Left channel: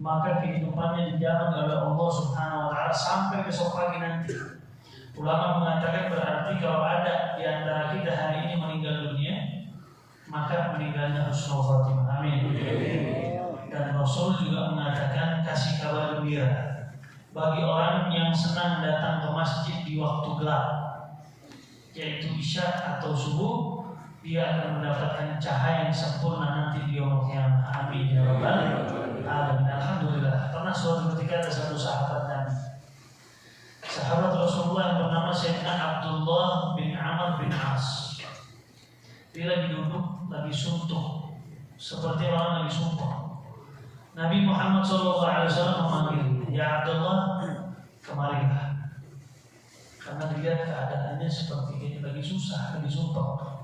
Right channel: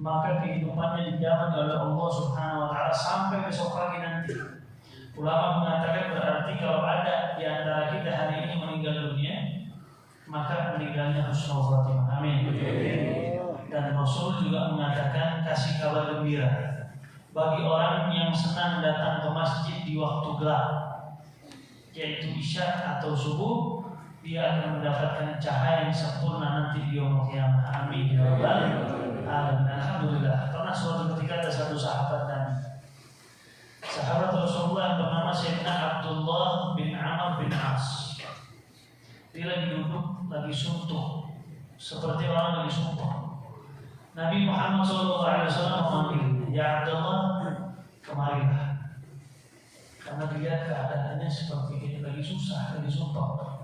maka kehidupannya dijamin oleh Allah Subhanahu wa taala sampai besok pagi nanti. Ulama mengatakan berarti kalau ada di antara kita hari ini meninggal dunia, maka meninggalnya husnul khotimah. Amin. Dan Rasul juga mengatakan kasih kabar gembira bagi orang yang senang datang ke masjid di waktu gelap, yaitu isya atau subuh, dia akan mendapatkan cahaya yang sempurna nanti di yaumul qiyamah. Amin ya rabbal alamin. Alhamdulillah. Pernah suatu ketika ada satu sahabat Nabi, sahabat Rasulullah yang bernama Sayyidina Abdullah bin Amr bin As. Dia lagi duduk, lagi suntuk, seperti orang lagi sumpah. Nabi Muhammad SAW memanggil, ya Abdullah, kemarilah. Karena dilihat keadaannya seperti ini, lagi susah, lagi sumpah.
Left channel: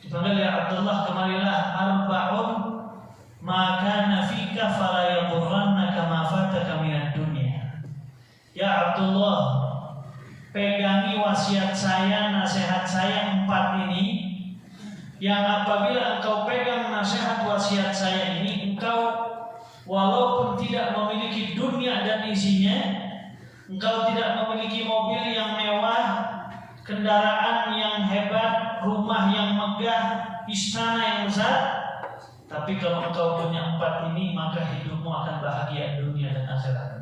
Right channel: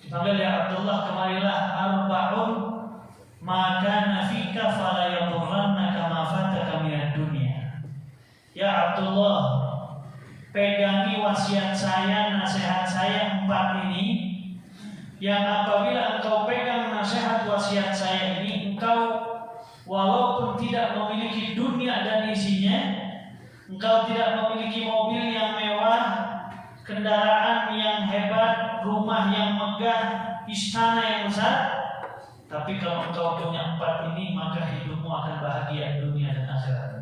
Dipanggil, ya Abdullah, kemarilah. Arba'un maka nafika fala yaqurrannaka ma fataka minad dunya. Ya Abdullah, pegangi wasiat saya, nasihat saya 4 ini, yang apabila engkau pegang nasihat wasiat saya ini, engkau walaupun tidak memiliki dunia dan isinya, engkau tidak memiliki mobil yang mewah, kendaraan yang hebat, rumah yang megah, istana yang besar, tapi kalau engkau punya 4 ini, maka hidupmu akan bahagia dunia dan akhirat.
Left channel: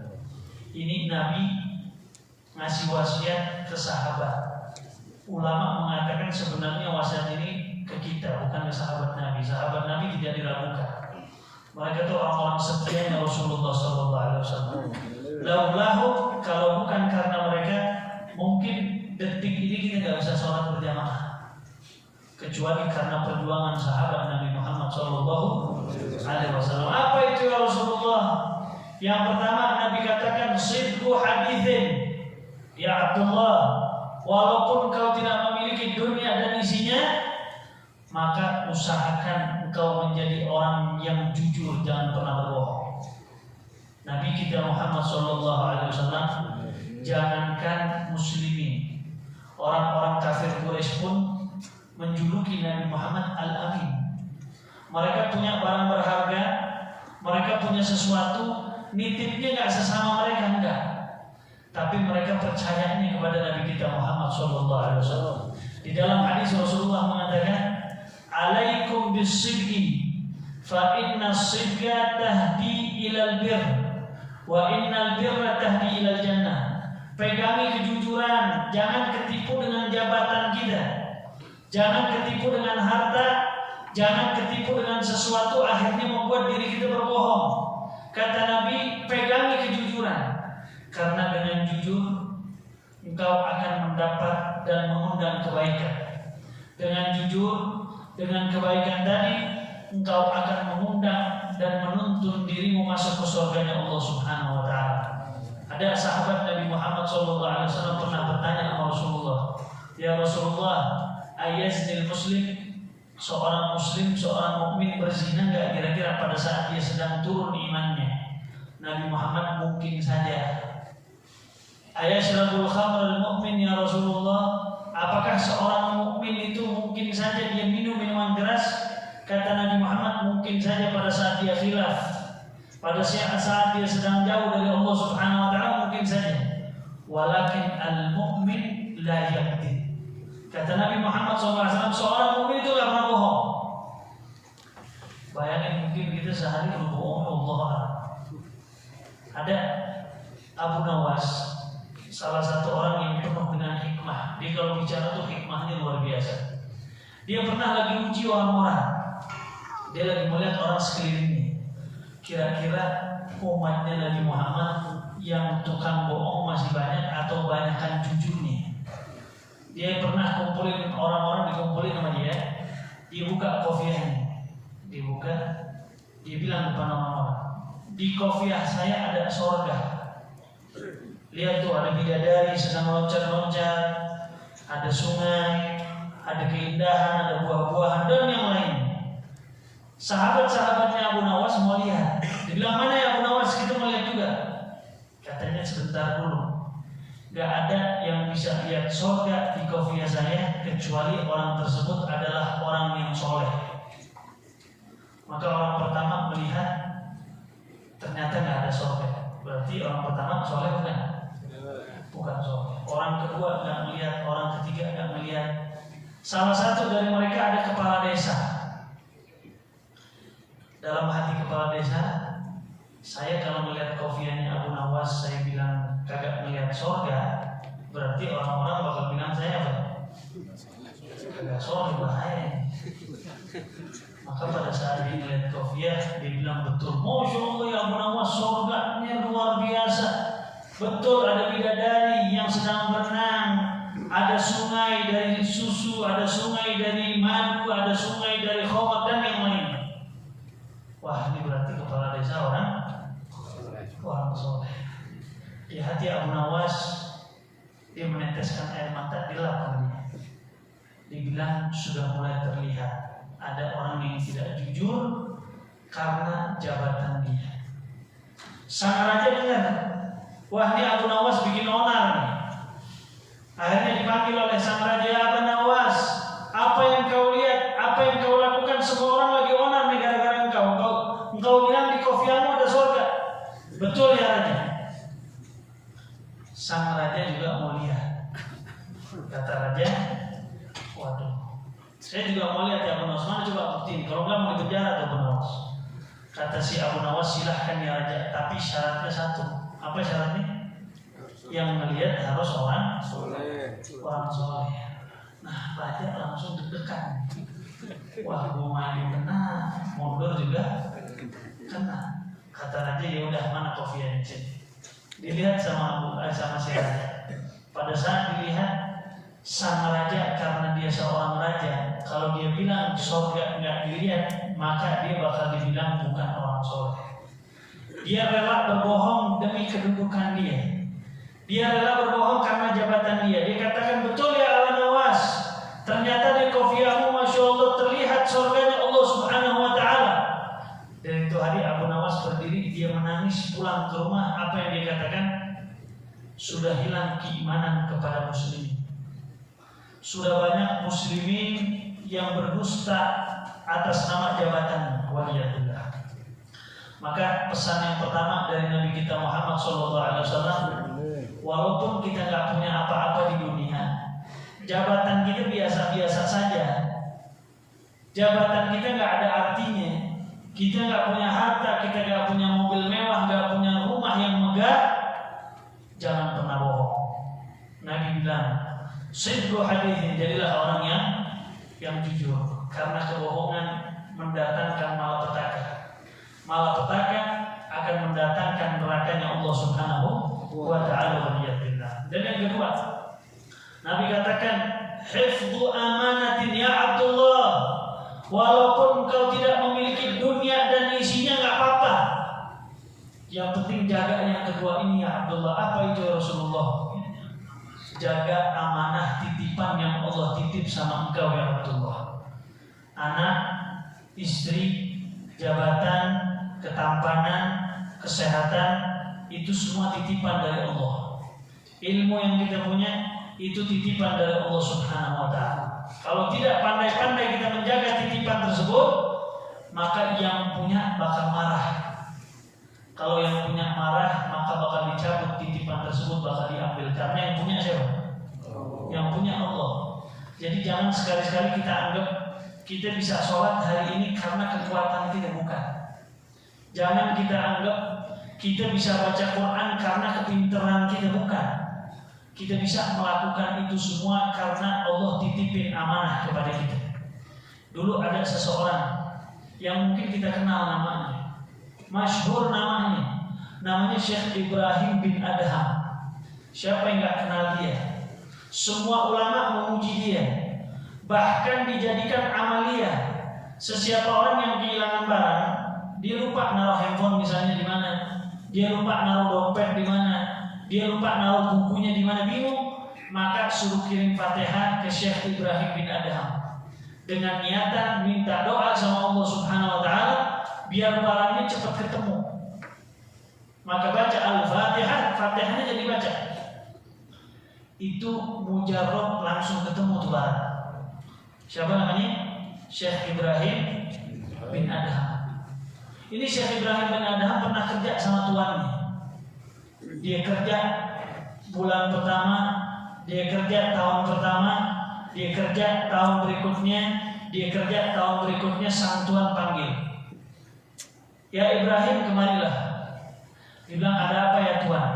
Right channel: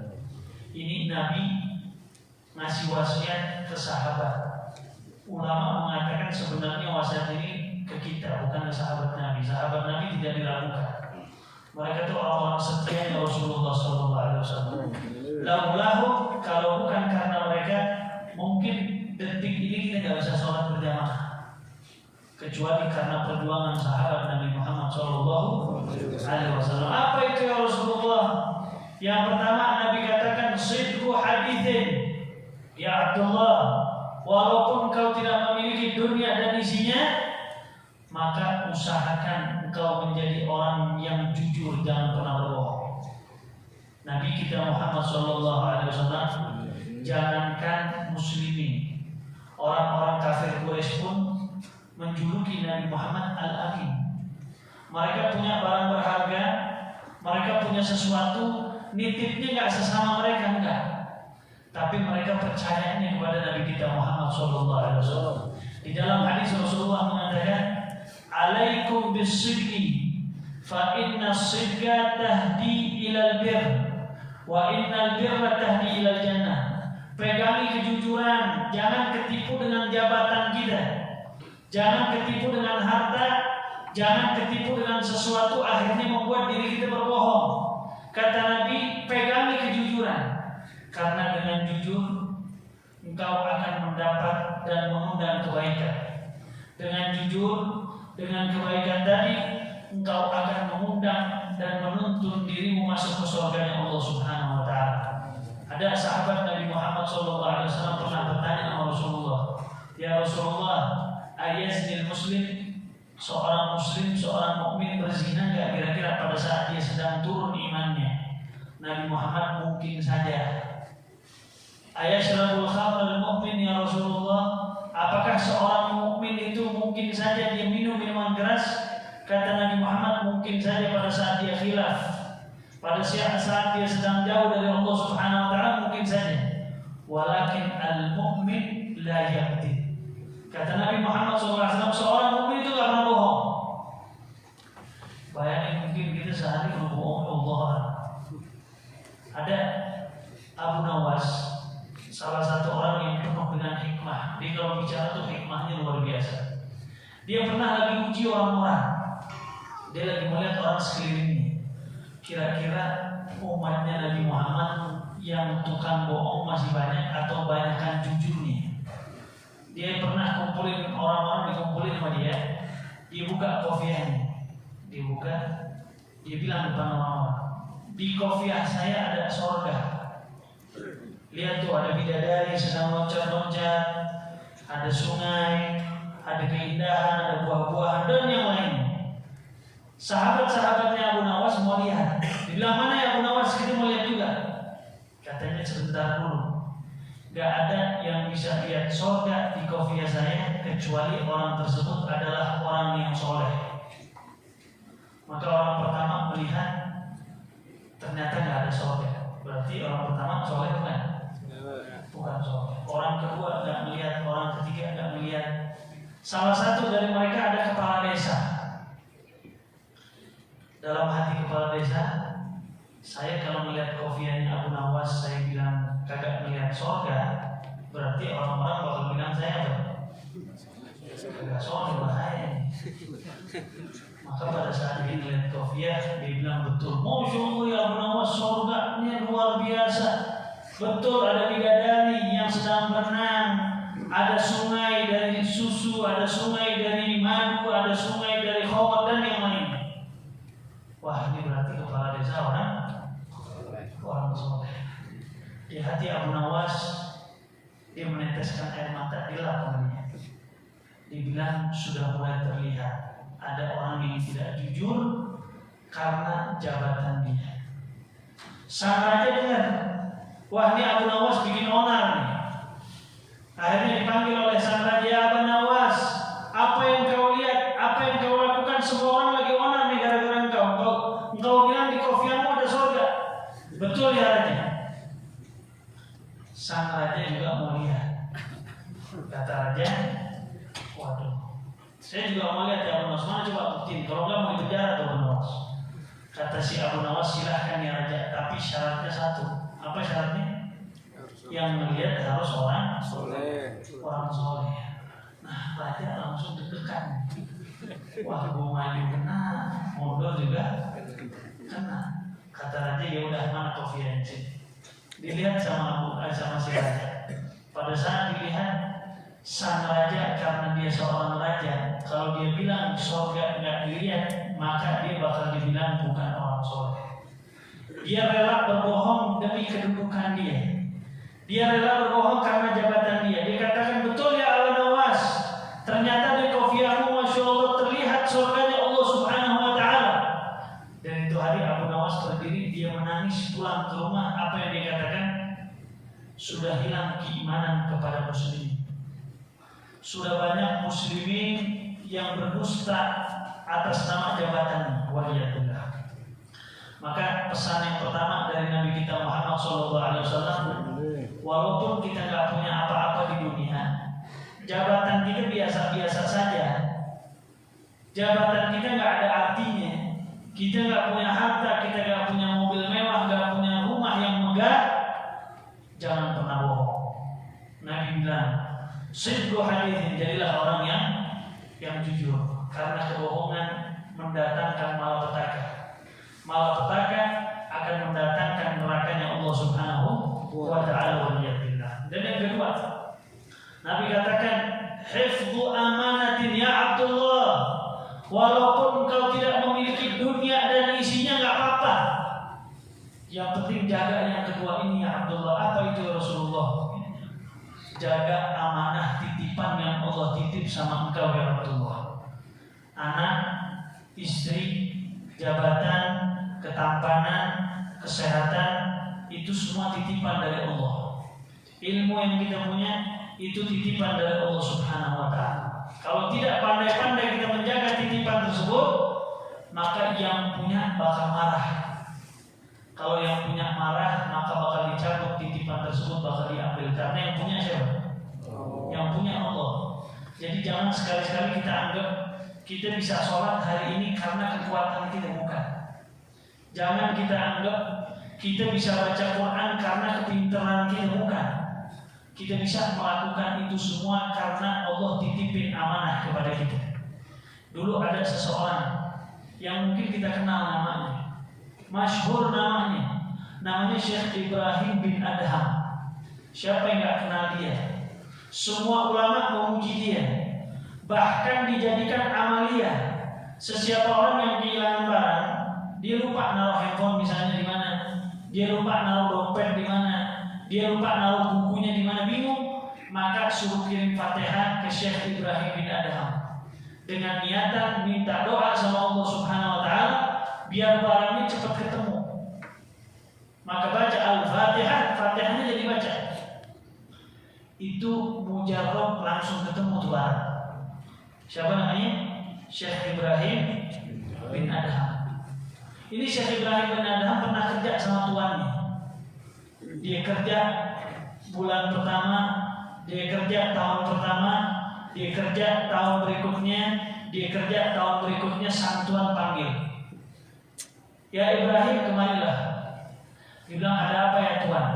Ini Nabi ngasih wasiat ke sahabat. Ulama mengatakan sebenarnya wasiat ini ke kita, bukan ke sahabat Nabi. Sahabat Nabi tidak diragukan. Mereka itu orang-orang setia Rasulullah SAW. Laulahu, kalau bukan karena mereka, mungkin detik ini kita nggak bisa sholat berjamaah, kecuali karena perjuangan sahabat Nabi Muhammad SAW. Apa itu ya Rasulullah? Yang pertama Nabi katakan sidqu hadithin. Ya Abdullah, walaupun kau tidak memiliki dunia dan isinya, maka usahakan engkau menjadi orang yang jujur, jangan pernah berbohong. Nabi kita Muhammad SAW, jangankan muslimin, orang-orang kafir Quraisy pun menjuluki Nabi Muhammad Al-Amin. Mereka punya barang berharga, mereka punya sesuatu, nitipnya nggak sesama mereka, enggak, tapi mereka percayanya kepada Nabi kita Muhammad SAW. Di dalam hadis Rasulullah mengatakan, alaikum bis-sidqi fa inna as-sidqa tahdi ilal birr wa innal birra tahdi ilal jannah. Pegangi kejujuran, jangan ketipu dengan jabatan kita, jangan ketipu dengan harta, jangan ketipu dengan sesuatu akhirnya membuat diri kita berbohong. Kata Nabi, pegangi kejujuran, karena dengan jujur engkau akan mendapat dan mengundang kebaikan. Dengan jujur, dengan kebaikan tadi, engkau akan mengundang dan menuntun dirimu masuk ke surganya Allah Subhanahu wa taala. Ada sahabat Nabi Muhammad SAW pernah bertanya kepada Rasulullah, ya Rasulullah, ayaznil muslim, seorang muslim, seorang mukmin berzina enggak kira-kira pada saat dia sedang turun imannya? Nabi Muhammad, mungkin saja. Ayashrabul khamrul mu'min ya Rasulullah, apakah seorang mukmin itu mungkin saja dia minum minuman keras? Kata Nabi Muhammad, mungkin saja pada saat dia khilaf, pada saat dia sedang jauh dari Allah Subhanahu wa taala, mungkin saja. Walakin al-mu'min la yakdzib. Kata Nabi Muhammad SAW, seorang mukmin itu enggak pernah bohong. Bayangin, mungkin kita sehari berbohong, Allah. Ada Abu Nawas, salah satu orang yang penuh dengan hikmah. Dia kalau bicara tuh hikmahnya luar biasa. Dia pernah lagi uji orang-orang. Dia lagi melihat orang sekelilingnya. Kira-kira umatnya Nabi Muhammad yang tukang bohong masih banyak atau banyakkan jujurnya? Dia pernah kumpulin orang-orang, dikumpulin sama dia. Dia buka kopiahnya, dia bilang depan orang-orang, di kopiah saya ada surga. Lihat tuh, ada bidadari sedang loncat-loncat, ada sungai, ada keindahan, ada buah-buahan dan yang lainnya. Sahabat-sahabatnya Abu Nawas mau lihat. Dibilang, mana ya Abu Nawas, kita mau lihat juga. Katanya sebentar dulu, gak ada yang bisa lihat surga di kopiah saya kecuali orang tersebut adalah orang yang soleh. Maka orang pertama melihat, ternyata gak ada surga. Berarti orang pertama soleh bukan? Bukan soleh. Orang kedua nggak melihat, orang ketiga nggak melihat. Salah satu dari mereka ada kepala desa. Dalam hati kepala desa, saya kalau melihat kofiannya Abu Nawas, saya bilang kagak melihat surga, berarti orang-orang bakal bilang saya apa? Kagak surga, bahaya. Maka pada saat dia melihat kofiah, dia bilang betul, Masya Allah ya Abu Nawas, surganya luar biasa. Betul, ada bidadari yang sedang berenang, ada sungai dari susu, ada sungai dari madu, ada sungai dari khawat dan yang lainnya. Wah, ini berarti kepala desa orang soleh. Di hati Abu Nawas, dia meneteskan air mata, dilap olehnya. Dibilang sudah mulai terlihat ada orang yang tidak jujur karena jabatan dia. Sang raja dengar, wah ini Abu Nawas bikin onar nih. Akhirnya dipanggil oleh sang raja, Abu Nawas, apa yang kau lihat, apa yang kau lakukan, semua orang lagi onar nih gara-gara engkau bilang di kofianmu ada surga. Betul ya raja? Sang raja juga mau lihat. Kata raja, waduh, saya juga mau lihat ya Abu Nawas, mana coba buktiin, kalau enggak mau dipenjara tuh Abu Nawas. Kata si Abu Nawas, silahkan ya raja, tapi syaratnya satu. Apa syaratnya? Yang melihat harus orang soleh. Nah, raja langsung deg-degan. Wah, gua mandi kena, mundur juga kena. Kata raja, ya udah, mana kofiannya sih? Dilihat sama si raja. Pada saat dilihat, sang raja karena dia seorang raja, kalau dia bilang surga nggak dilihat, maka dia bakal dibilang bukan orang soleh. Dia rela berbohong demi kedudukan dia. Dia rela berbohong karena jabatan dia. Dia katakan, betul ya Abu Nawas, ternyata di kofiahmu Masya Allah terlihat surganya Allah Subhanahu wa ta'ala. Dan itu hari Abu Nawas berdiri, dia menangis pulang ke rumah. Apa yang dia katakan? Sudah hilang keimanan kepada muslimin. Sudah banyak muslimin yang berdusta atas nama jabatan. Waliyadillah. Maka pesan yang pertama dari Nabi kita Muhammad SAW, walaupun kita nggak punya apa-apa di dunia, jabatan kita biasa-biasa saja. Jabatan kita nggak ada artinya. Kita nggak punya harta, kita nggak punya mobil mewah, nggak punya rumah yang megah. Jangan pernah bohong. Nabi bilang, sidqu hadithin, jadilah orang yang jujur, karena kebohongan mendatangkan malapetaka. Malapetaka akan mendatangkan nerakanya Allah Subhanahu wa ta'ala. Dan yang kedua, Nabi katakan, hifdhu amanatin ya Abdullah, walaupun engkau tidak memiliki dunia dan isinya nggak apa-apa, yang penting jaga yang kedua ini ya Abdullah. Apa itu ya Rasulullah? Jaga amanah titipan yang Allah titip sama engkau ya Abdullah. Anak, istri, jabatan, ketampanan, kesehatan, itu semua titipan dari Allah. Ilmu yang kita punya itu titipan dari Allah Subhanahu wa ta'ala. Kalau tidak pandai-pandai kita menjaga titipan tersebut, maka yang punya bakal marah. Kalau yang punya marah, maka bakal dicabut titipan tersebut, bakal diambil. Karena yang punya siapa? Yang punya Allah. Jadi jangan sekali-sekali kita anggap kita bisa sholat hari ini karena kekuatan kita, bukan. Jangan kita anggap kita bisa baca Quran karena kepintaran kita, bukan. Kita bisa melakukan itu semua karena Allah titipin amanah kepada kita. Dulu ada seseorang yang mungkin kita kenal namanya, masyhur namanya Syekh Ibrahim bin Adham. Siapa yang gak kenal dia? Semua ulama memuji dia, bahkan dijadikan amalia. Sesiapa orang yang kehilangan barang, dia lupa naruh handphone misalnya di mana, dia lupa naruh dompet di mana, dia lupa naruh bukunya di mana, bingung, maka suruh kirim Fatihah ke Syekh Ibrahim bin Adham dengan niatan minta doa sama Allah Subhanahu wa ta'ala biar barangnya cepat ketemu. Maka baca Al-Fatihah, Fatihahnya jadi baca. Itu mujarab langsung ketemu tuh barang. Siapa namanya? Syekh Ibrahim bin Adham. Ini Syekh Ibrahim bin Adham pernah kerja sama tuannya. dia kerja bulan pertama, dia kerja tahun pertama, dia kerja tahun berikutnya, dia kerja tahun berikutnya, sang Tuhan panggil, ya Ibrahim kemarilah. Dibilang ada apa ya Tuhan?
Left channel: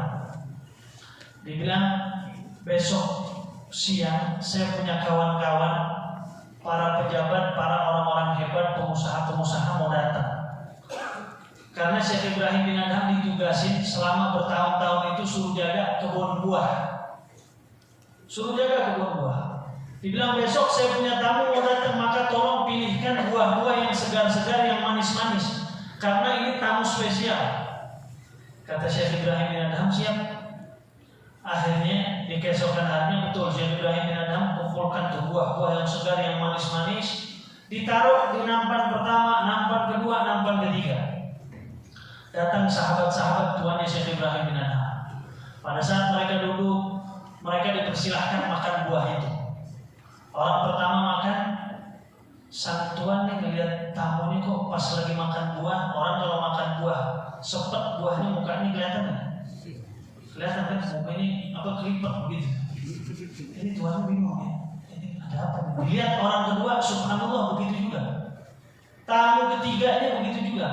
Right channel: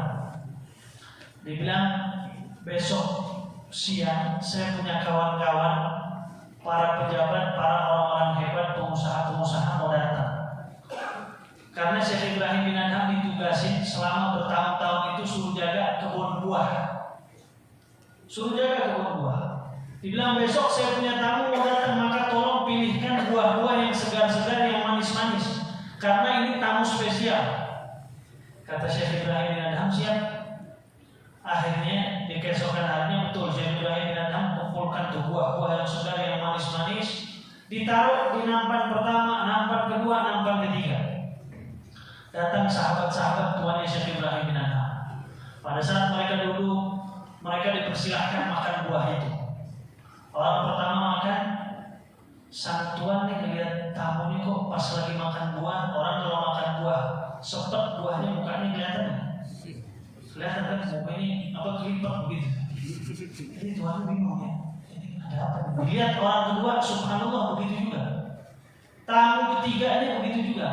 Dibilang besok siang saya punya kawan-kawan, para pejabat, para orang-orang hebat, pengusaha-pengusaha mau datang. Karena Syekh Ibrahim bin Adham ditugasin selama bertahun-tahun itu suruh jaga kebun buah. Suruh jaga kebun buah. Dibilang besok saya punya tamu mau datang, maka tolong pilihkan buah-buah yang segar-segar, yang manis-manis. Karena ini tamu spesial. Kata Syekh Ibrahim bin Adham, siap. Akhirnya di keesokan harinya betul Syekh Ibrahim bin Adham kumpulkan tuh buah-buah yang segar, yang manis-manis, ditaruh di nampan pertama, nampan kedua, nampan ketiga. Datang sahabat-sahabat tuannya Syekh Ibrahim bin Adham. Pada saat mereka duduk, mereka dipersilahkan makan buah itu. Orang pertama makan, sang tuan nih ngeliat tamunya kok pas lagi makan buah. Orang kalau makan buah sepet buahnya mukanya kelihatan nih. Kelihatan kan mukanya apa kelipet begitu. Jadi tuannya bingung ya. Ini ada apa nih? Lihat orang kedua, subhanallah begitu juga. Tamu ketiganya begitu juga.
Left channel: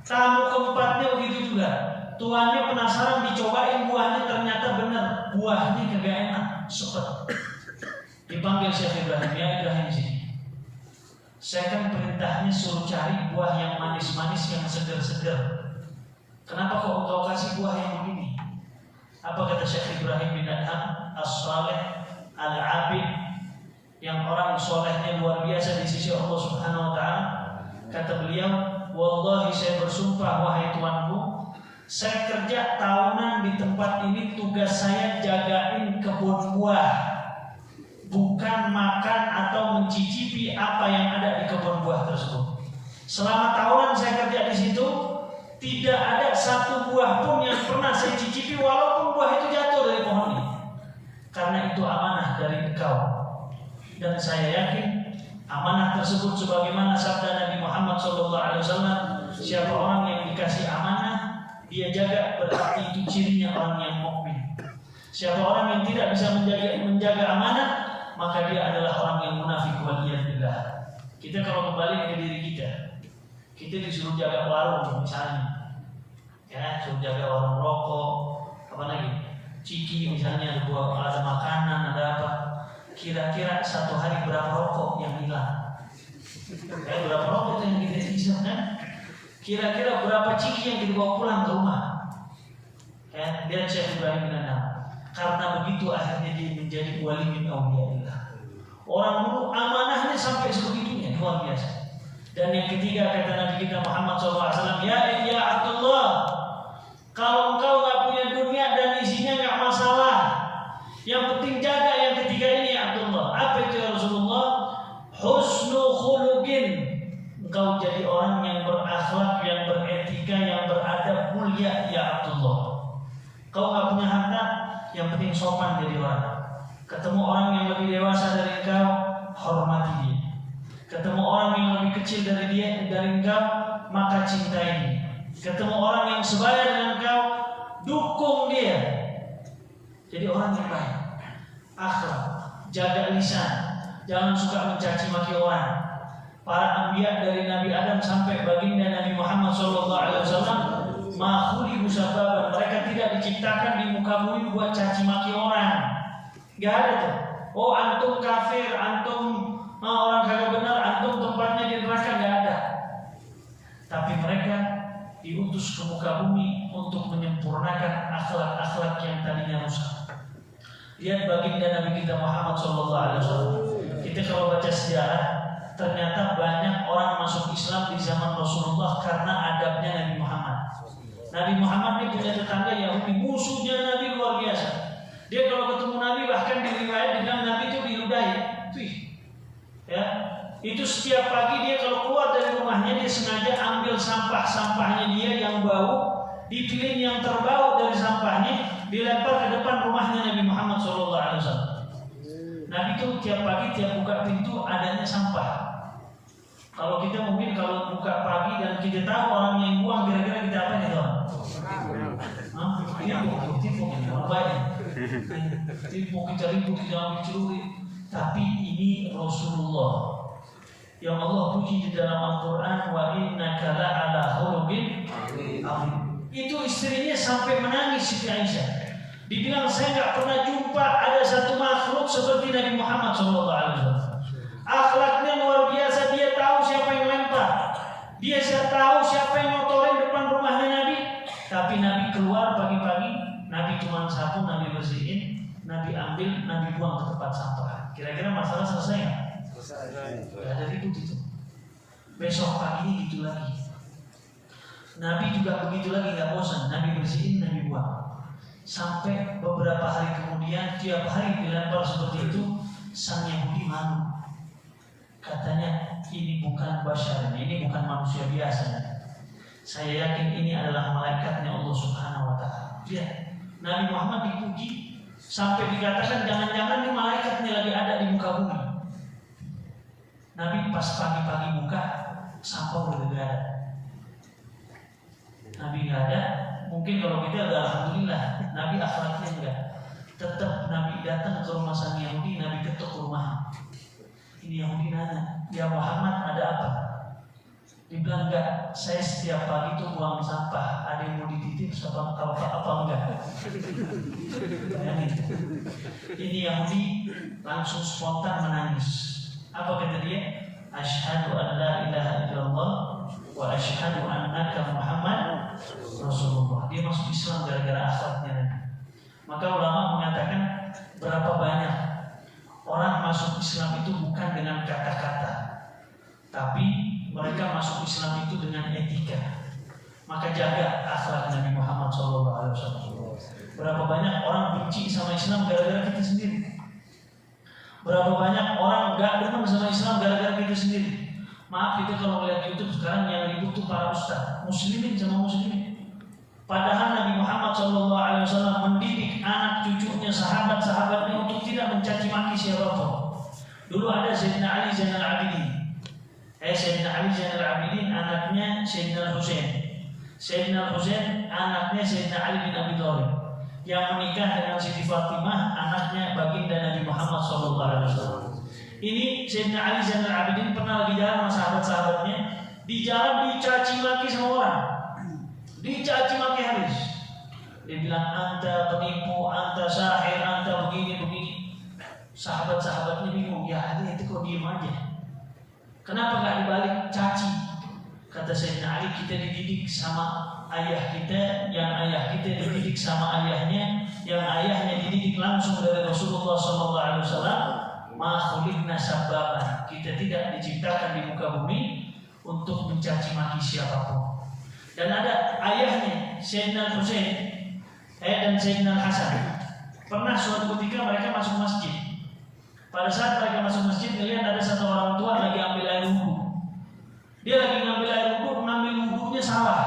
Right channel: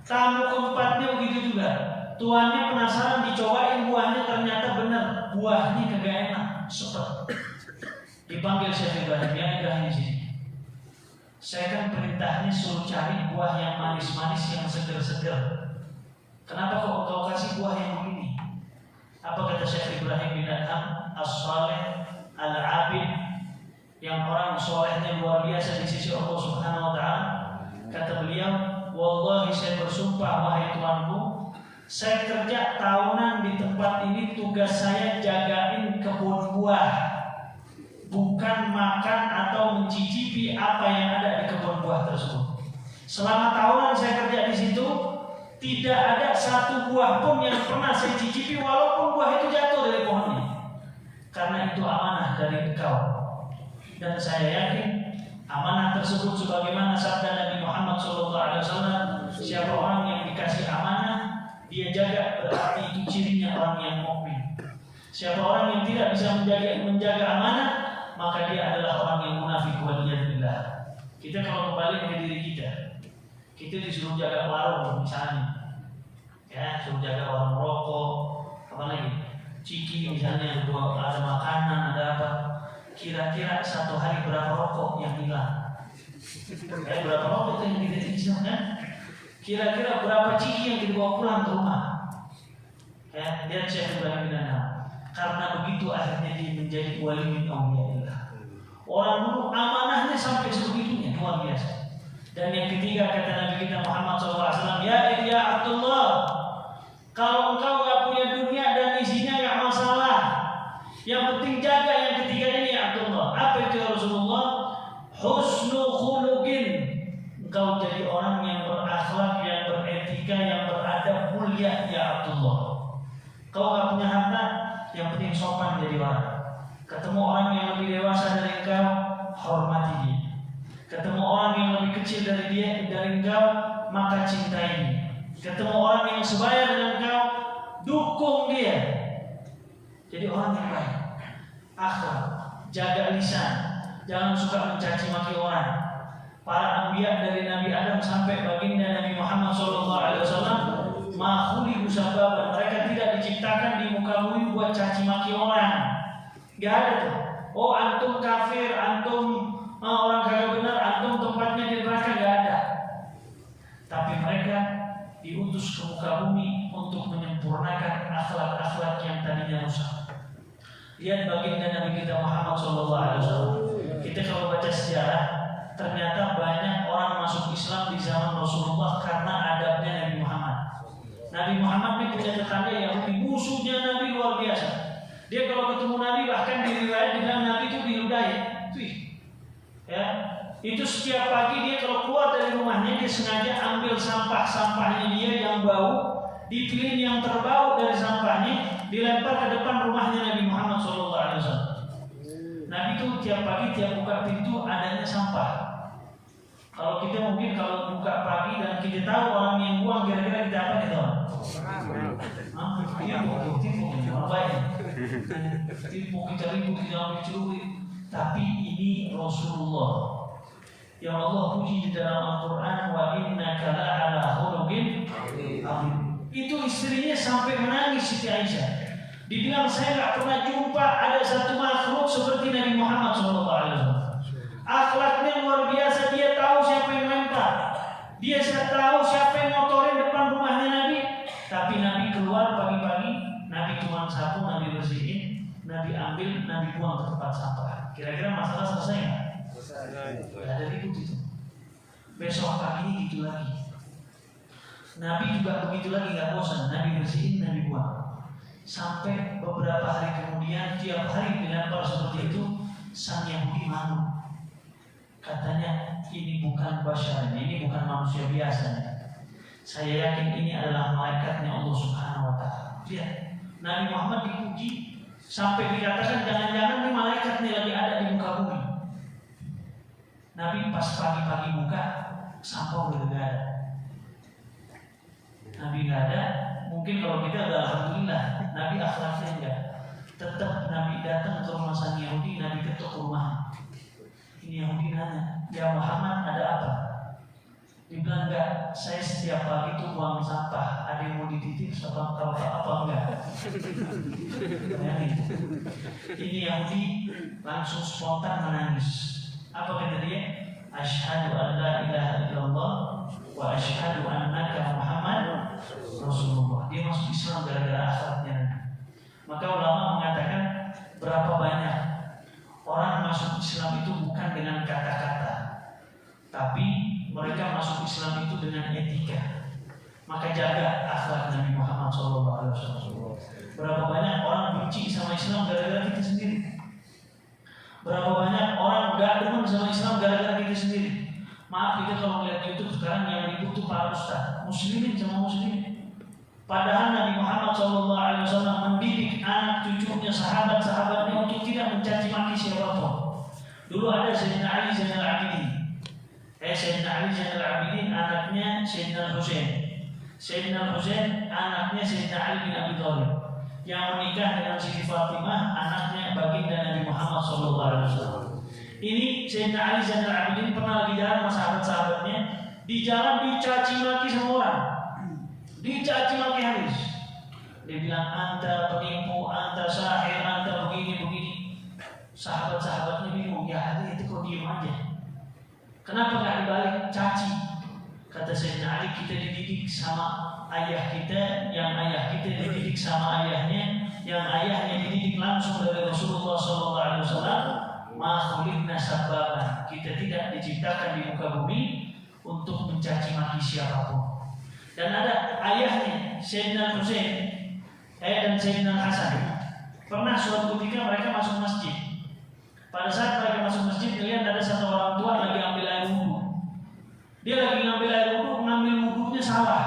Tamu keempatnya begitu juga. Tuannya penasaran, dicobain buahnya, ternyata benar buahnya kagak enak, sepet. Dipanggil Syekh Ibrahim, ya Ibrahim sini. Saya kan perintahnya suruh cari buah yang manis-manis, yang seger-seger. Kenapa kok engkau kasih buah yang begini? Apa kata Syekh Ibrahim bin Adham? As-salih al-abid, yang orang solehnya luar biasa di sisi Allah Subhanahu wa Ta'ala. Kata beliau, wallahi saya bersumpah wahai tuanku, saya kerja tahunan di tempat ini, tugas saya jagain kebun buah, bukan makan atau mencicipi apa yang ada di kebun buah tersebut. Selama tahunan saya kerja di situ, tidak ada satu buah pun yang pernah saya cicipi, walaupun buah itu jatuh dari pohonnya. Karena itu amanah dari engkau, dan saya yakin amanah tersebut sebagaimana sabda Nabi Muhammad SAW, siapa orang yang dikasih amanah dia jaga, berarti itu cirinya orang yang mukmin. Siapa orang yang tidak bisa menjaga amanah, maka dia adalah orang yang munafik. Waliyadillah. Kita kalau kembali ke diri kita disuruh jaga warung misalnya, ya suruh jaga warung rokok, apa lagi, ciki misalnya, ada makanan, ada apa. Kira-kira satu hari berapa rokok yang hilang? Berapa rokok yang kita isi kan? Kira-kira berapa ciki yang kita bawa pulang ke rumah? Ya, lihat Syekh Ibrahim bin Adham. Karena begitu akhirnya dia menjadi wali min awliyaillah. Orang dulu amanahnya sampai sebegitunya, luar biasa. Dan yang ketiga kata Nabi kita Muhammad SAW, ya Abdullah, kalau engkau nggak punya dunia dan isinya nggak masalah, yang penting jaga yang ketiga ini ya Abdullah. Apa itu ya Rasulullah? Husnu khuluqin. Engkau jadi orang yang berakhlak, yang beretika, yang beradab, mulia ya Abdullah. Kau nggak punya harta, yang penting sopan jadi orang. Ketemu orang yang lebih dewasa dari engkau, hormati dia. Ketemu orang yang lebih kecil dari engkau, maka cintai dia. Ketemu orang yang sebaya dengan engkau, dukung dia. Jadi orang yang baik, akhlak, jaga lisan, jangan suka mencaci maki orang. Para anbiya dari Nabi Adam sampai baginda Nabi Muhammad SAW, makhluk sababan, mereka tidak diciptakan di muka bumi buat caci maki orang. Gak ada tuh. Oh antum kafir, antum orang kagak benar, antum tempatnya di neraka, gak ada. Tapi mereka diutus ke muka bumi untuk menyempurnakan akhlak-akhlak yang tadinya rusak. Lihat baginda Nabi kita Muhammad SAW. Kita kalau baca sejarah, ternyata banyak orang masuk Islam di zaman Rasulullah karena adabnya Nabi Muhammad. Nabi Muhammad ini punya tetangga Yahudi, musuhnya Nabi luar biasa. Dia kalau ketemu Nabi, bahkan di riwayat bilang Nabi itu diludahi. Ya, itu setiap pagi dia kalau keluar dari rumahnya, dia sengaja ambil sampah-sampahnya dia yang bau, dipilih yang terbau dari sampahnya, dilempar ke depan rumahnya Nabi Muhammad SAW. Nabi itu tiap pagi, tiap buka pintu adanya sampah. Kalau kita mungkin kalau buka pagi dan kita tahu orang yang buang, kira-kira kita apa nih, teman? Ini orang baik. Mau kita ribut, kita mencuri, tapi ini Rasulullah yang Allah puji di dalam Al-Quran, wa innaka la'ala khuluqin azim. Itu istrinya sampai menangis Siti Aisyah. Dibilang saya nggak pernah jumpa ada satu makhluk seperti Nabi Muhammad SAW. Akhlaknya luar biasa. Dia tahu siapa yang lempar, dia tahu siapa yang ngotorin depan rumahnya Nabi. Tapi Nabi keluar pagi-pagi, Nabi cuma sapu, Nabi bersihin, Nabi ambil, Nabi buang ke tempat sampah. Kira-kira masalah selesai nggak? Selesai. Ada ribut itu. Besok pagi gitu lagi. Nabi juga begitu lagi, nggak bosan. Nabi bersihin, Nabi buang. Sampai beberapa hari kemudian, tiap hari dilempar seperti itu, sang Yahudi malu. Katanya, ini bukan basyaranya, ini bukan manusia biasa. Saya yakin ini adalah malaikatnya Allah Subhanahu wa Ta'ala. Lihat, Nabi Muhammad dipuji sampai dikatakan jangan-jangan ini malaikatnya lagi ada di muka bumi. Nabi pas pagi-pagi buka, sampah udah gak ada. Nabi gak ada. Mungkin kalau kita udah alhamdulillah. Nabi akhlaknya enggak. Tetap Nabi datang ke rumah sang Yahudi, Nabi ketuk rumah. Ini Yahudi nanya, ya Muhammad ada apa? Dibilang enggak, saya setiap pagi tuh buang sampah. Ada yang mau dititip apa enggak? Ini Yahudi langsung spontan menangis. Apa kata dia? Asyhadu an la ilaha illallah wa asyhadu annaka Muhammad Rasulullah. Dia masuk Islam gara-gara akhlaknya. Maka ulama mengatakan berapa banyak orang masuk Islam itu bukan dengan kata-kata, tapi mereka masuk Islam itu dengan etika. Maka jaga akhlak Nabi Muhammad SAW. Berapa banyak orang benci sama Islam gara-gara kita sendiri. Berapa banyak orang gak demen sama Islam gara-gara kita sendiri. Maaf, kita kalau melihat YouTube sekarang yang ribut tuh para ustaz, muslimin sama muslimin. Padahal Nabi Muhammad SAW mendidik anak cucunya, sahabat-sahabatnya untuk tidak mencaci maki siapapun. Dulu ada Sayyidina Ali Zainal Abidin. Sayyidina Ali Zainal Abidin anaknya Sayyidina Husain. Sayyidina Husain anaknya Sayyidina Ali bin Abi Thalib. Yang menikah dengan Siti Fatimah anaknya baginda Nabi Muhammad SAW. Ini Sayyidina Ali Zainal Abidin pernah lagi jalan sama sahabat-sahabatnya. Di jalan dicaci maki sama orang, dicaci maki habis. Dia bilang anta penipu, anta sahir, anta begini. Sahabat-sahabatnya bingung, ya Ali itu kok diem aja, kenapa nggak dibalik caci? Kata Sayyidina Ali, kita dididik sama ayah kita, yang ayah kita dididik sama ayahnya, yang ayahnya dididik langsung dari Rasulullah SAW. Makhlukna sababan, kita tidak diciptakan di muka bumi untuk mencaci maki siapapun. Dan ada ayahnya Sayyidina Husain dan Sayyidina Hasan. Pernah suatu ketika mereka masuk masjid. Pada saat mereka masuk masjid, lihat ada satu orang tua lagi ambil air wudhu. Dia lagi ngambil air wudhu, ngambil wudhunya salah.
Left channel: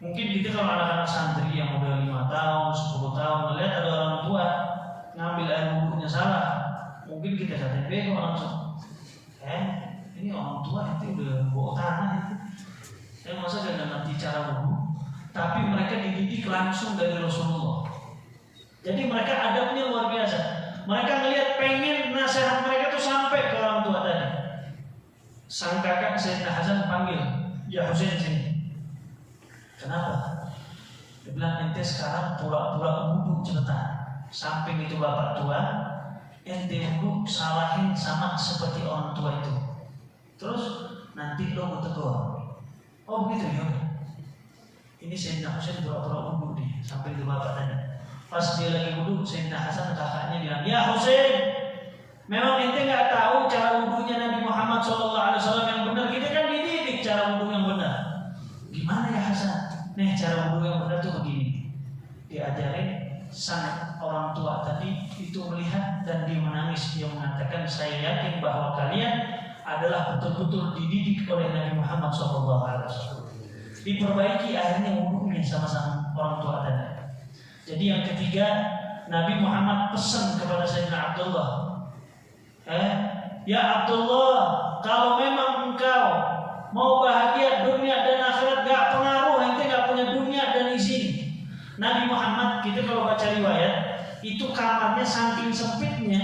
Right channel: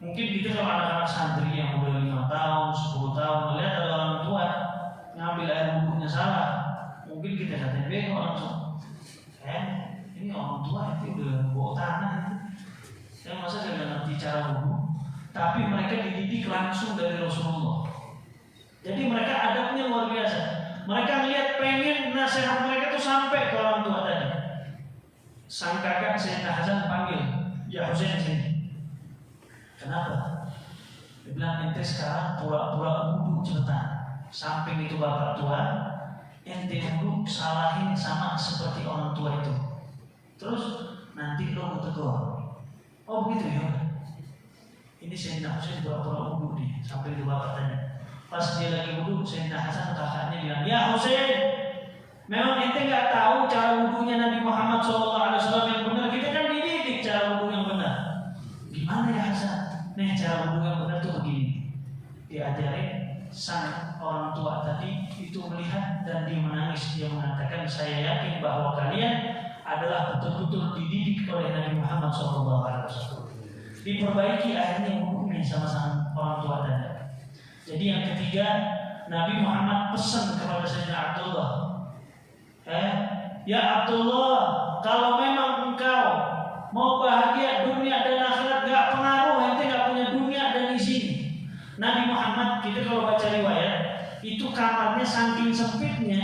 Mungkin gitu kalau anak-anak santri yang udah 5 tahun, 10 tahun, lihat ada orang tua ngambil air wudhunya salah, mungkin kita kata bego langsung. Ini orang tua itu udah bawa tanah itu. Saya masa gak ngerti cara wudhu. Tapi mereka dididik langsung dari Rasulullah. Jadi mereka adabnya luar biasa. Mereka ngelihat pengen nasihat mereka tuh sampai ke orang tua tadi. Sang kakak Sayyidina Hasan panggil, ya Husain sini. Kenapa? Dia bilang ente sekarang pura-pura wudhu cepetan. Samping itu bapak tua, ente dulu salahin sama seperti orang tua itu. Terus nanti lo mau tegur. Oh begitu ya. Ini Sayyidina Husain pura-pura wudhu nih, sampai itu bapak tanya. Pas dia lagi wudhu, Sayyidina Hasan kakaknya bilang, ya Husain, memang ente nggak tahu cara wudhunya Nabi Muhammad SAW yang benar. Kita kan dididik cara wudhu yang benar. Gimana ya Hasan? Nih cara wudhu yang benar tuh begini. Diajarin. Sang orang tua tadi itu melihat dan dia menangis. Dia mengatakan, saya yakin bahwa kalian adalah betul-betul dididik oleh Nabi Muhammad SAW. Diperbaiki akhirnya wudhunya sama-sama orang tua tadi. Jadi yang ketiga, Nabi Muhammad pesan kepada Sayyidina Abdullah, ya Abdullah, kalau memang engkau mau bahagia dunia dan akhirat, gak pengaruh ente gak punya dunia dan di sini. Nabi Muhammad kita kalau baca riwayat itu kamarnya saking sempitnya,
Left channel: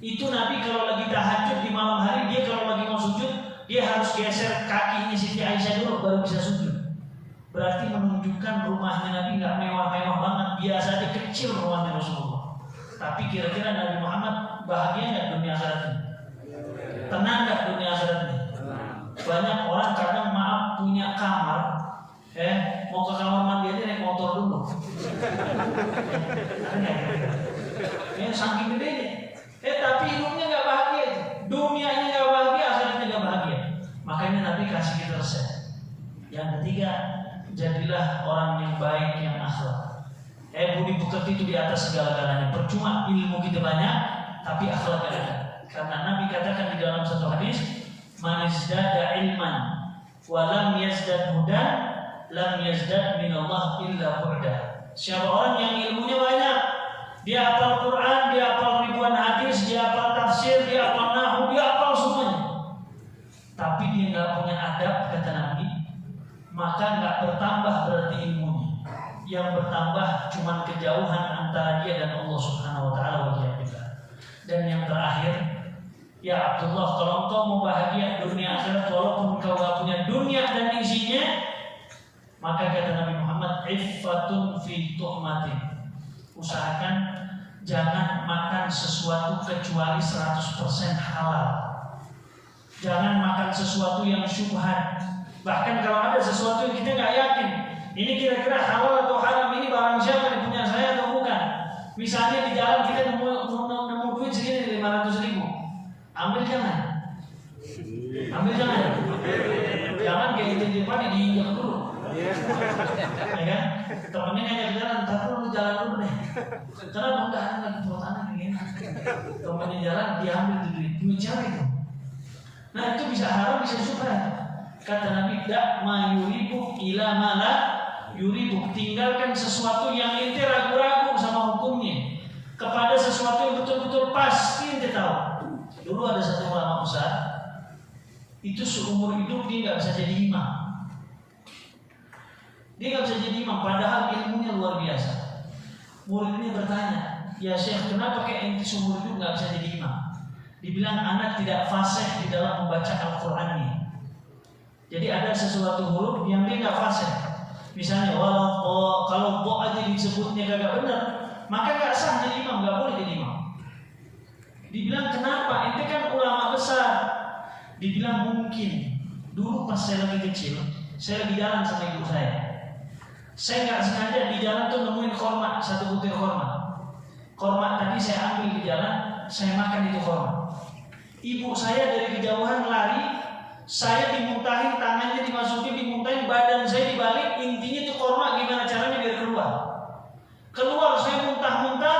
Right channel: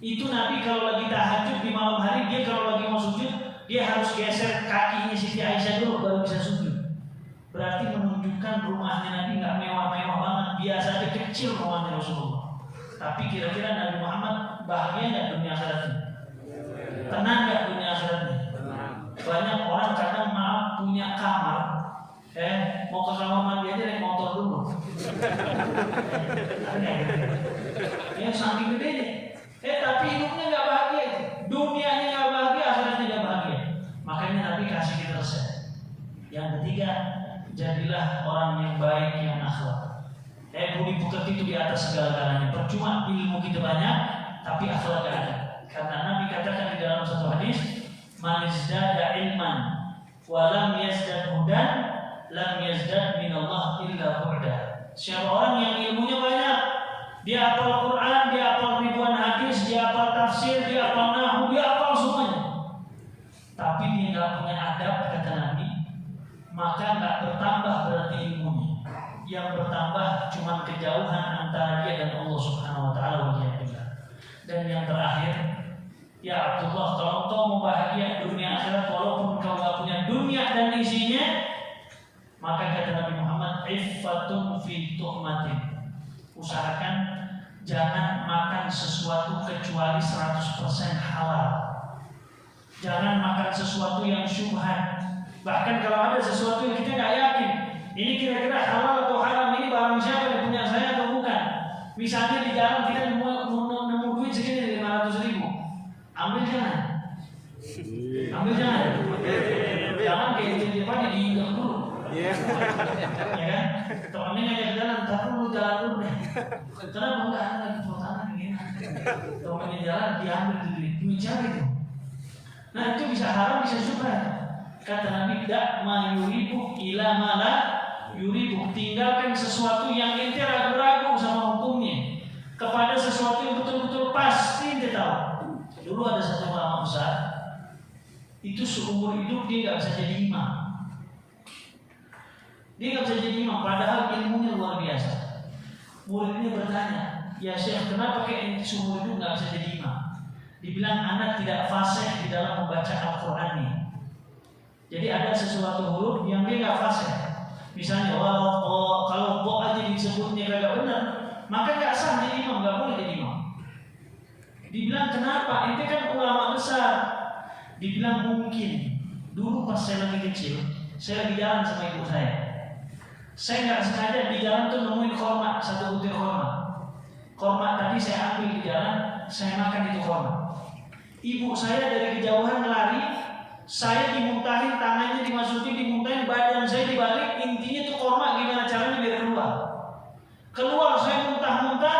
itu Nabi kalau lagi tahajud di malam hari, dia kalau lagi mau sujud dia harus geser kakinya Siti Aisyah dulu baru bisa sujud. Berarti menunjukkan rumahnya Nabi nggak mewah-mewah banget, biasa aja, kecil rumahnya Rasulullah. Tapi kira-kira Nabi Muhammad bahagia nggak dunia akhiratnya? Tenang nggak dunia akhiratnya? Banyak orang kadang maaf punya kamar, mau ke kamar mandi aja naik motor dulu. Ya saking gedenya. Tapi hidupnya nggak bahagia, dunianya nggak bahagia, akhiratnya nggak bahagia. Makanya Nabi kasih kita resep. Yang ketiga, jadilah orang yang baik, yang akhlak. Budi pekerti itu di atas segala-galanya. Percuma ilmu kita banyak, tapi akhlak gak ada. Karena Nabi katakan di dalam satu hadis, man izdada ilman wa lam yazdad hudan lam yazdad minallah illa bu'da. Siapa orang yang ilmunya banyak, dia hafal Quran, dia hafal ribuan hadis, dia hafal tafsir, dia hafal nahwu, dia hafal semuanya, tapi dia nggak punya adab, kata Nabi, maka nggak bertambah berarti ilmunya. Yang bertambah cuma kejauhan antara dia dan Allah Subhanahu wa taala. Dan yang terakhir, ya Abdullah, kalau engkau mau bahagia dunia akhirat walaupun engkau gak punya dunia dan isinya, maka kata Nabi Muhammad, iffatun fi tuhmatin. Usahakan jangan makan sesuatu kecuali 100% halal. Jangan makan sesuatu yang syubhat. Bahkan kalau ada sesuatu yang kita gak yakin, ini kira-kira halal atau haram, ini barang siapa yang punya saya atau bukan. Misalnya di jalan kita nemu duit segini 500.000, ambil jangan. Jangan kayak gitu padi diinjak dulu. Ya kan? Temennya ngajak jalan, tak perlu jalan dulu deh. Kenapa enggak ada lagi perutana begini? Temennya jalan diambil duit siapa itu? Nah itu bisa haram, bisa syubhat. Kata Nabi, dak ma yuribu ila ma la yuribu. Tinggalkan sesuatu yang ente ragu-ragu sama hukumnya kepada sesuatu yang betul-betul pasti ente tahu. Dulu ada satu ulama besar, itu seumur hidup dia nggak bisa jadi imam. Dia nggak bisa jadi imam, padahal ilmunya luar biasa. Muridnya bertanya, ya Syekh, kenapa kayak ente seumur hidup nggak bisa jadi imam? Dibilang anak tidak fasih di dalam membaca Al-Quran ini. Jadi ada sesuatu huruf yang dia nggak fasih. Misalnya kalau bo aja disebutnya kagak benar, maka nggak sah jadi imam, nggak boleh jadi imam. Dibilang kenapa? Ente kan ulama besar. Dibilang mungkin dulu pas saya lagi kecil, saya lagi jalan sama ibu saya. Saya nggak sengaja di jalan tuh nemuin korma, satu butir korma. Korma tadi saya ambil di jalan, saya makan itu korma. Ibu saya dari kejauhan lari, saya dimuntahin, tangannya dimasukin, dimuntahin, badan saya dibalik. Intinya tuh korma gimana caranya biar keluar. Keluar saya muntah-muntah,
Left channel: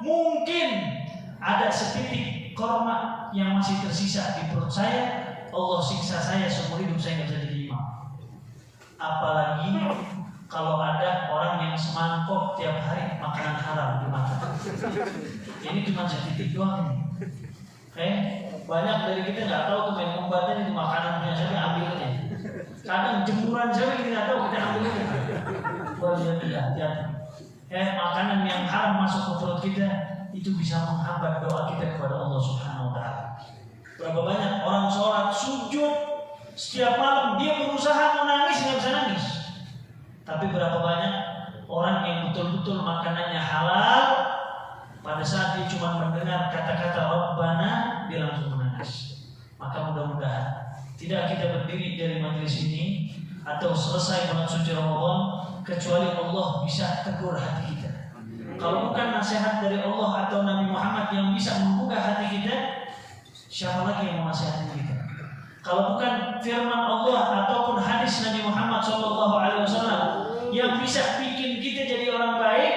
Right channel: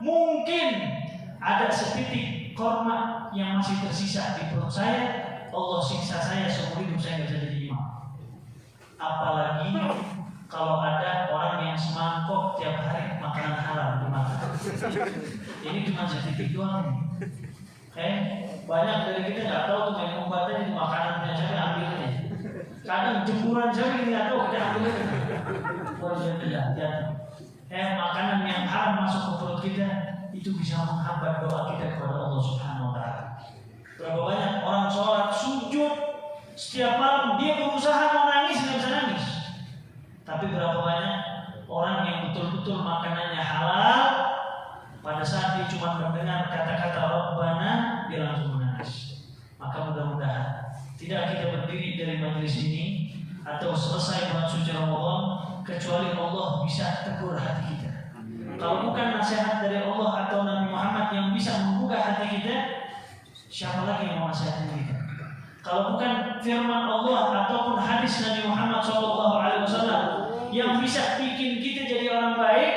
mungkin ada setitik korma yang masih tersisa di perut saya. Allah siksa saya seumur hidup, saya nggak bisa jadi imam. Apalagi kalau ada orang yang semangkok tiap hari makanan halal dimakan. Ini cuma setitik doang ini. Banyak dari kita nggak tahu tuh main umbatnya itu makanan punya siapa, ambilnya. Kadang jemuran siapa kita nggak tahu, kita ambilnya. Buat hati-hati. Makanan yang haram masuk ke perut kita itu bisa menghambat doa kita kepada Allah Subhanahu wa taala. Berapa banyak orang sholat sujud setiap malam, dia berusaha mau nangis nggak bisa nangis. Tapi berapa banyak orang yang betul-betul makanannya halal, pada saat dia cuma mendengar kata-kata Rabbana, dia langsung menangis. Maka mudah-mudahan tidak kita berdiri dari majelis ini atau selesai bulan suci Ramadan kecuali Allah bisa tegur hati kita. Kalau bukan nasihat dari Allah atau Nabi Muhammad yang bisa membuka hati kita, siapa lagi yang mau nasihatin kita? Kalau bukan firman Allah ataupun hadis Nabi Muhammad SAW yang bisa bikin kita jadi orang baik,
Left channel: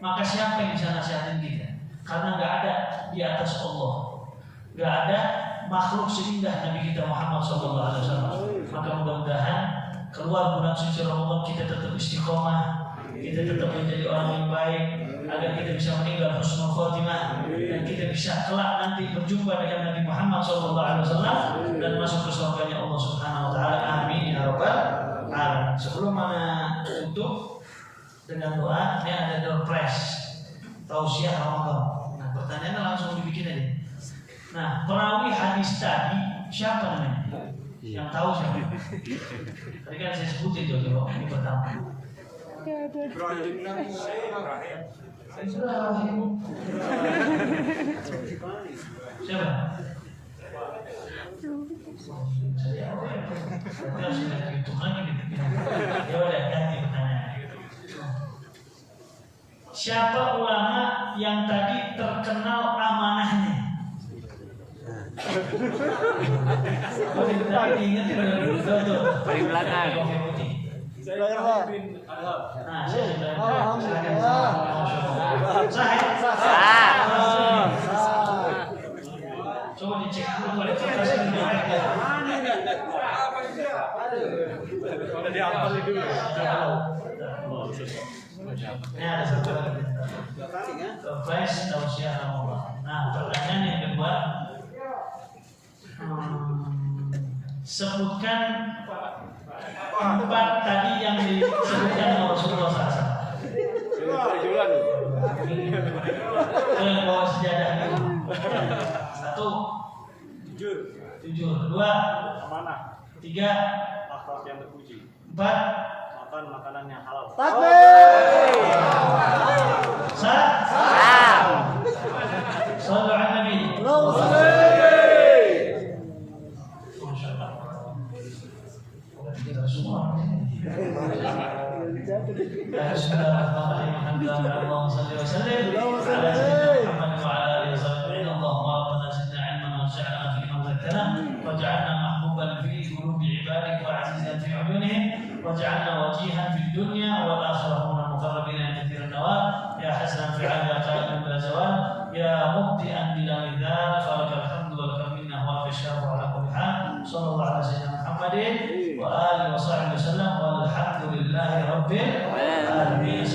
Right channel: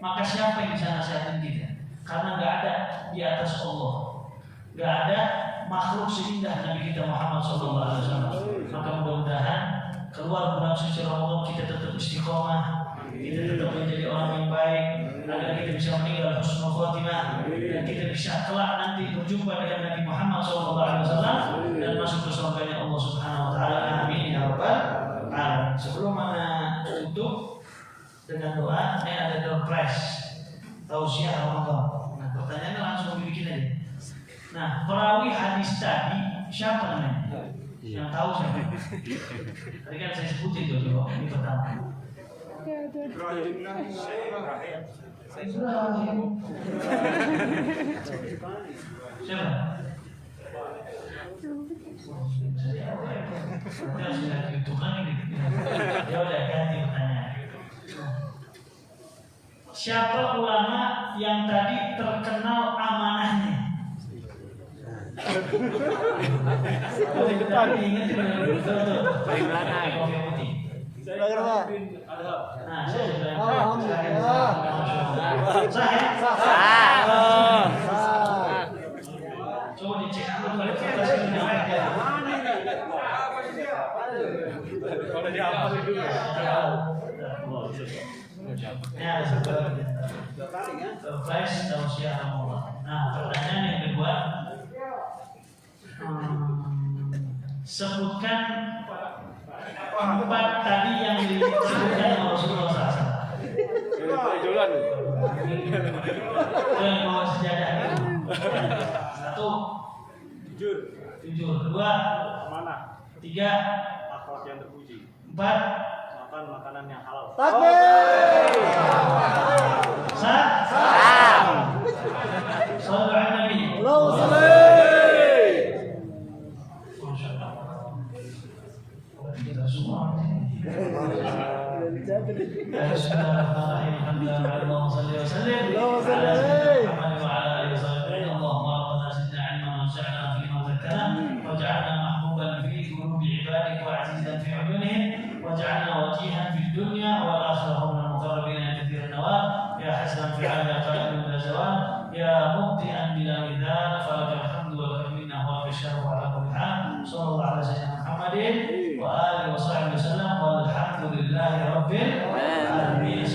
maka siapa yang bisa nasihatin kita? Karena nggak ada di atas Allah, nggak ada makhluk seindah Nabi kita Muhammad SAW. Maka mudah-mudahan keluar bulan suci Ramadan kita tetap istiqomah, kita tetap menjadi orang yang baik, agar kita bisa meninggal husnul khotimah dan kita bisa kelak nanti berjumpa dengan Nabi Muhammad SAW dan masuk ke surganya Allah Subhanahu wa taala. Amin ya rabbal alamin. Sebelum mana tutup, dengan doa. Ini ada door prize tausiah Ramadan. Nah, pertanyaannya langsung dibikin aja. Nah, perawi hadis tadi siapa namanya? Yang tahu siapa? Tadi kan saya sebut itu coba ini pertama. Saya sudah tahu. Siapa? Ya udah ganti pertanyaan. Siapa ulama yang tadi terkenal amanahnya? Tapi diingetin betul. Paling belakang. Nah, coba dicek dulu kualitas ini. Kalau dihafal itu. Ini ada surprise tausiah Ramadan. Nah, pertanyaan yang kedua, sebutkan 4 tadi yang disebutkan oleh Rasulullah SAW. Bawa sejadah itu. 1. Jujur. 2. Amanah. 3. Akhlak yang terpuji. 4. Makan makanan yang halal. Takbir. Sallu ala Nabi. Allahumma shalli. Bismillahirrahmanirrahim. Allahumma salli wa sallim ala sayyidina Muhammad wa ala alihi wa sahbihi. Allahumma rabbana zidna 'ilman wanfa'na bihi ma 'allamtana waj'alna mahbuban fi qulubi 'ibadik wa 'azizan fi 'uyunihim waj'alna wajihan fid dunya wal akhirah min al-muqarrabin katsiran nawab ya hasanan fi 'ali qa'imin bila zawal ya mubdi'an bila midal fa alhamdu wa minna wa bishara wa ala kulli hal sallallahu ala sayyidina Muhammadin wa alihi wa sahbihi wasallam walhamdulillahi rabbil alamin.